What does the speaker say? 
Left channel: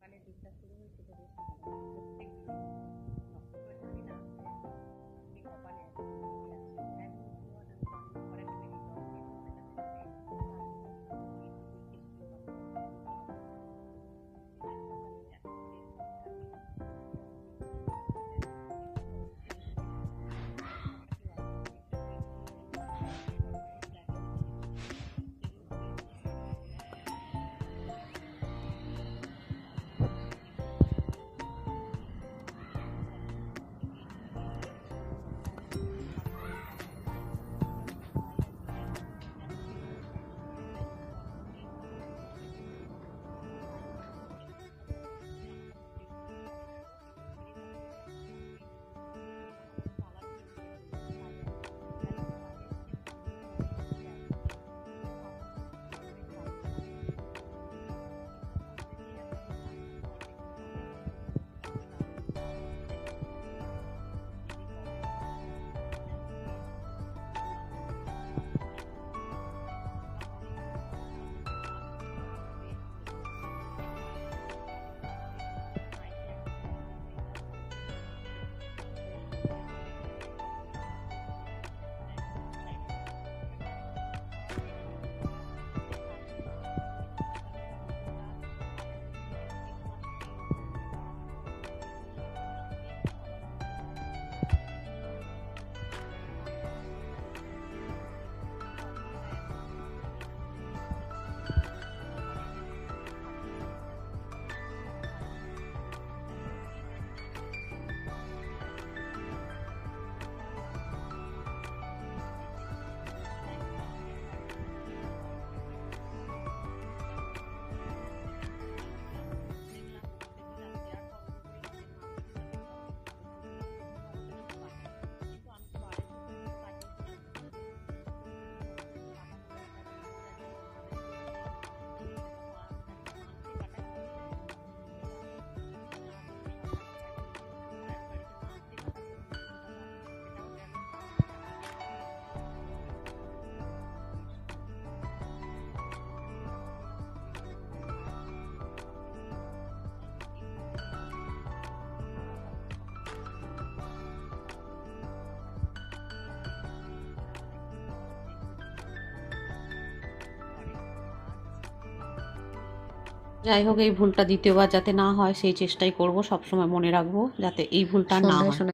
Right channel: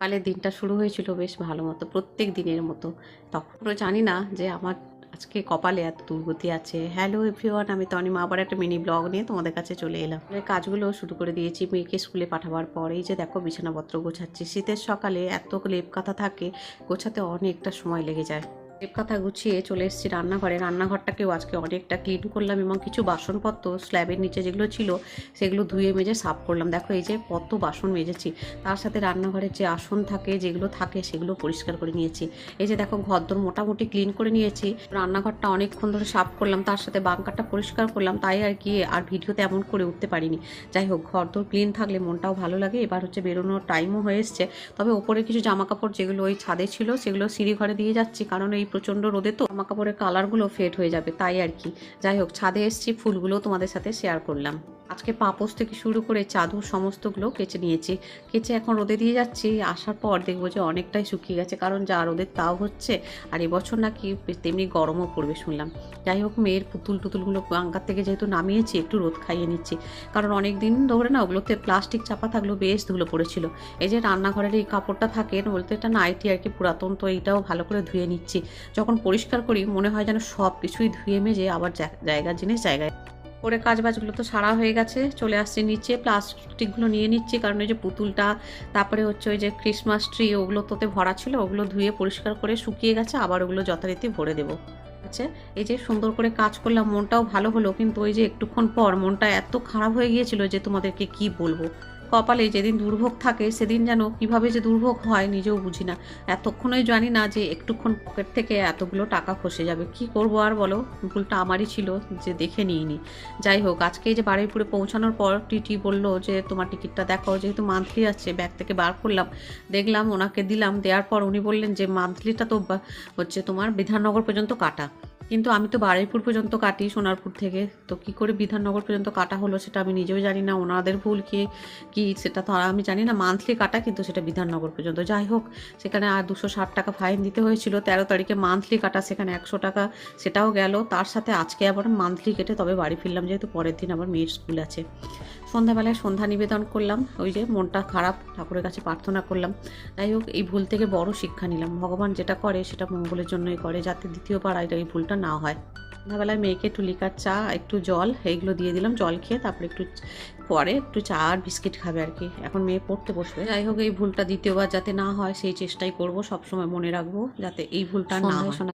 কালের দিনটা শুরু হয়েছিল বেশ ভালো মতো, প্রত্যেক দিনের মতো। তখনও জানি না যে আমার আজকে কপালে এত দুর্গতি আছে। হ্যালো এভরিওয়ান, আমি তনিমা আবার একটা মিনি ব্লগ নিয়ে তোমাদের কাছে চলে এলাম। কাজগুলো শুরু করে দিয়েছি মেয়েকে স্কুলে পাঠাবার পর। এই যে দেখো বিছানাপত্র গোছাচ্ছি। শীতের সকালে এত লেপ কাঁথা থাকে, গোছাতে অনেকটা সময় লেগে যায়। লেপ কাঁথা গুছিয়ে চলে এসেছি রান্নাঘরে। রান্নাঘরটাকেও আজকে অনেকটা ক্লিন করলাম এবং কিছু বাসনপত্র স্ল্যাবের নিচে যেগুলো ছিল সেগুলো ধুয়ে মেজে সাফ করলাম। দেখো এই যে কত বাসন মেজেছি। তার সাথে রান্নাঘরের যে আসন থাকে যেগুলো থাকে সেগুলো পরিষ্কার করে নিয়েছি। এই যে দেখো ঘরদোর মোটামুটি ক্লিন করে নিয়েছি। রান্নাঘরটা অনেকক্ষণ ধরে সাফ করলাম, তার সাথে বাঙ্কারটা পরিষ্কার করলাম, তাই আর কি আর ভিডিওতে এমন করে উঠতে পারিনি। যাই হোক, ঘরদোর ক্লিন থাকলে মনটাও ভালো লাগে। এবার হচ্ছে বেরোনোর টাইমও হয়ে এসছে। তবে ওপরে কিছু জামা কাপড় যেগুলো ওই ছাদে ছিল সেগুলো সিঁড়ি ঘরে দিয়ে যাচ্ছি, কারণ এই প্রচণ্ড রোদে তো জামা কাপড়ের কালারগুলো ফেড হয়ে যাবে, তাই আর কি। যাই হোক, ছাদে এসেছি, ফুলগুলো তোমাদের সাথে শেয়ার করলাম। আজকে পাপোশ থেকে শুরু করে চাদর সমস্তগুলো কেচে নিয়েছি। কেচে এখন রোদে দিয়ে যাচ্ছি। আসার পর দেখবো যে অনেকটাই শুকিয়ে গেছে, কারণ যা রোদের তাও হচ্ছে আর এবছর নাকি তেমনি গরমও পড়বে শুনলাম। যাই হোক, মেয়ের পুতুল টুতুলগুলো বাঙ্কার থেকে যেহেতু নামিয়েছি, একটু রোদ খাইয়ে নিচ্ছি, কারণ অনেক দিন ধরে না ওগুলোতে প্লাস্টিক চাপা থাকলেও বেশ ধুলো পড়েছিল। এই যে রান্নাঘরের এই কাপড়টা থাকে, বলতে এটা নাইটি আর কি, পুরাতন তো, এইটাও ভালো করে ধুয়ে নিচ্ছি। যখন পরিষ্কার করি মনে হয় যেন সব কিছুই ধুয়ে মেজে আবার জায়গার জিনিস জায়গায় করে। কাজবাজগুলো তো সারা হয়ে গেছে, চলে আসছি নিচে, প্লাস্টিকগুলো নিয়ে নিচ্ছি, কারণ ওই যে পুতুলটা, তারপরে হচ্ছে ওই যে ক্রিসমাস ট্রি, ওগুলো তোতে ভরা ছিল, ওগুলো ধুয়ে পরিষ্কার করে শুকিয়ে গেছে, আবার ওগুলো যথারীতি ভরে দেবো। আচ্ছা, এই যে সুন্দর করে কাজ করলাম, মনটাও ভালো হলো, কিন্তু ওই যে একটুক্ষণ পর মনটা এত খারাপ হয়ে গিয়েছিল যে তোমাদেরকে কি বলবো। কপালে যেদিন দুর্ভোগ থাকে সেদিন যেন কিভাবে যে দুর্ভোগ হয় নিজেও বুঝি না। এতক্ষণই জানি না যে একটুক্ষণ পকেট থেকে এতগুলো টাকা খসে যাবে। কি করবো আর বলো, ভুলটা আমারই ছিল যে দেখে নিইনি। যাই হোক, আজকে এই যে বারুইপুরে পৌঁছানোর পর টিটি বললো যে তোমার টিকিটটা দেখো, যেহেতু মান্থলি আছে, ব্যাগ থেকে বার করলাম, দেখলাম, ওনাকে দিলাম। দেওয়ার পর উনি বললেন যে মান্থলিটা তো হচ্ছে তোমার বিধাননগর পর্যন্ত কাটা, কিন্তু আমি তো বারুইপুর পর্যন্ত কাটি সোনারপুর থেকে, তো কি করে বিধাননগর পর্যন্ত কাটা হলো সেটা আমি নিজেও জানি না। ওনাদের ভুল কি কি সেটা তো আমি জানি না। মান্থলি কাটা, কিন্তু সেটা বিধাননগর পর্যন্ত। যাই হোক, সেখানে আর 260 টাকা ফাইন দিতে হয়েছিল। 13 তারিখে মান্থলি কাটা, সেখানে 100 টাকা সেটাও গেল। তার সাথে আজকে আবার মান্থলি কেটে তবে বাড়ি ফিরলাম, যেহেতু পরের দিন আবার মেয়ের স্কুল আছে। সন্ধ্যাবেলায় সন্ধ্যা নিবেদন করলাম, ওই যে মনটা খারাপ, ঠাকুরের কাছে প্রার্থনা করলাম। যাই হোক, এই ভুল থেকে বড় শিক্ষা নিলাম, ভগবান যেটা করে সেটা মঙ্গলের জন্যই করে, যাতে দ্বিতীয়বার এই ভুলটা না হয়। সন্ধ্যাবেলায় মেয়েকে একটু লিকার চা, একটু জল, এইগুলো দিয়ে দিলাম। জল খেয়ে তারপরে পরে একটু চা আর বিস্কিট খাবে আর কি। এখন মেয়ে পড়তে বসবে। যাই হোক, এই ভুলটা দ্বিতীয়বার যাতে না হয় সেই চেষ্টাই করব, সবসময় মনে রাখবো যাতে এই ভুলটা না হয়।